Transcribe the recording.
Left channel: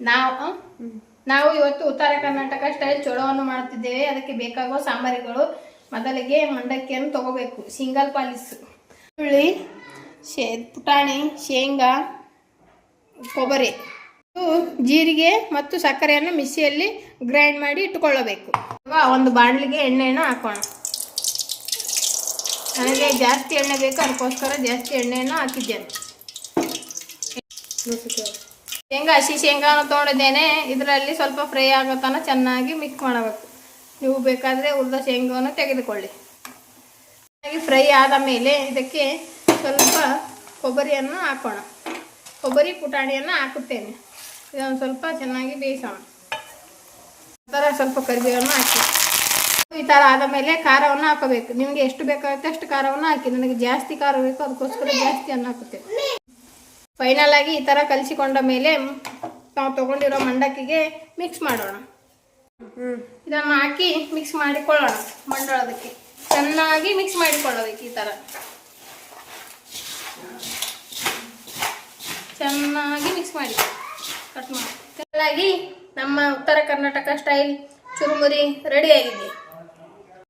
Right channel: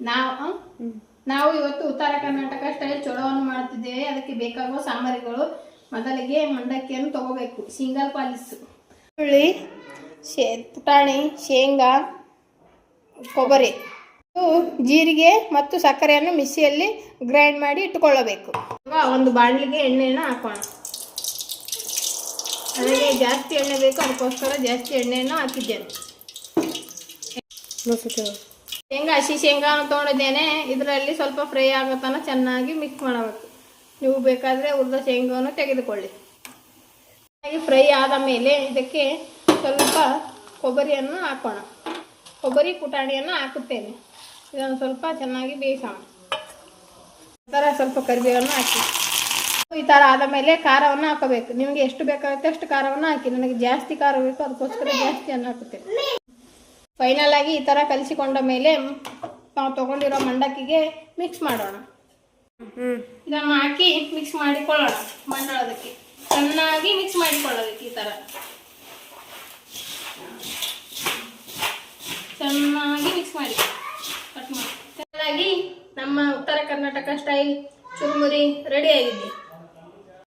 ನಾವು ನಾವು ಇವತ್ತು ಉತ್ತರ ಕರ್ನಾಟಕ ಸ್ಟೈಲ್ ಚೋಳವನ್ನು ಮಾಡುತ್ತಿದ್ದೇವೆ. ಅದಕ್ಕೆ ಬೇಕಾಗುವ ಸಾಮಗ್ರಿಗಳು: ಮೊದಲಿಗೆ ಮಂಡಕ್ಕಿಯನ್ನು ತಗೋಬೇಕು, ಸಿಂಗಲ್ ಪಾಲಿಸ್, ಹುಳಿ, ಪುಟಾಣಿ, ಶೇಂಗಾ, ಕೊಬ್ಬರಿ, ಜೀರಿಗೆ ಮತ್ತು ಸಕ್ಕರೆಯನ್ನು ಮಿಕ್ಸಿಯಲ್ಲಿ ಗ್ರೈಂಡ್ ಮಾಡಿ ಇಟ್ಟುಕೊಳ್ಳಬೇಕು. ಒಂದು ಬಾಣಲಿಗೆ ಎಣ್ಣೆಯನ್ನು ಹಾಕೋಣ. ನನಗೆ ಜಾಸ್ತಿ ಎಣ್ಣೆ ಬೇಕು, ಅದಕ್ಕೋಸ್ಕರ ಜಾಸ್ತಿ ಎಣ್ಣೆಯನ್ನು ಹಾಕಿದ್ದೇನೆ. ಹಸಿ ಶೇಂಗಾವನ್ನು ತೊಗೊಂಡಿದ್ದೇನೆ. ಇದರಲ್ಲಿ ಸ್ವಲ್ಪ ಫ್ರೈ ಆಗೋ ತನಕ ಚೆನ್ನಾಗಿ ಮಿಕ್ಸ್ ಮಾಡಬೇಕು. ನೀವು ಬೇಕಾದರೆ ಹುರಿದ ಶೇಂಗಾವನ್ನು ತೆಗೆದುಕೊಳ್ಳಿ. ಚೆನ್ನಾಗಿ ಫ್ರೈ ಆದ ಮೇಲೆ ಇದಕ್ಕೆ ಸ್ವಲ್ಪ ಕೊಬ್ಬರಿಯನ್ನು ಹಾಕೋಣ. ಕೊಬ್ಬರಿ ಪುಟಾಣಿಯನ್ನು ಹಾಕುತ್ತೇನೆ. ಇದನ್ನು ಸ್ವಲ್ಪ ಚೆನ್ನಾಗಿ ಬೇಯಿಸೋಣ. ಥರ ಸ್ವಲ್ಪ ಕರಿಬೇವನ್ನು ಹಾಕಿ ಈ ಥರ ಆದ ಮೇಲೆ ಖಾರವನ್ನು ಹಾಕಬೇಕು. ನಿಮಗೆ ಎಷ್ಟು ಬೇಕಾಗುತ್ತೆ ಅಷ್ಟು ಖಾರವನ್ನು ಹಾಕಿ. ನನಗೆ ಜಾಸ್ತಿ ಖಾರ ಬೇಕು, ಅದಕ್ಕೋಸ್ಕರ ಜಾಸ್ತಿಯನ್ನು ಹಾಕುತ್ತೇವೆ. ಫೈನಲ್ ಆಗಿ ಈ ಥರ ಕಲಿಸಿಕೊಂಡ ಮೇಲೆ ನಾವು ತೊಗೊಂಡಿರೋ ಮಂಡಕ್ಕಿಗೆ ಮಿಕ್ಸ್ ಮಾಡೋಣ. ಇದನ್ನು ಹಾಕಿ ಮಿಕ್ಸ್ ಮಾಡಿಕೊಳ್ಳೋಣ. ಮಂಡಳದಕ್ಕೆ ಚೆನ್ನಾಗಿ ಮಿಕ್ಸ್ ಮಾಡಿಕೊಳ್ಳಬೇಕು. ಈ ಥರ ಚೆನ್ನಾಗಿ ಮಿಕ್ಸ್ ಮಾಡಿ ಕಟ್ ಮಾಡಿ. ಚೆನ್ನಾಗಿ ನಮ್ಮ ಉತ್ತರ ಕರ್ನಾಟಕ ಸ್ಟೈಲ್ ಚುರುಮುರಿ ರೆಡಿಯಾಗಿದೆ.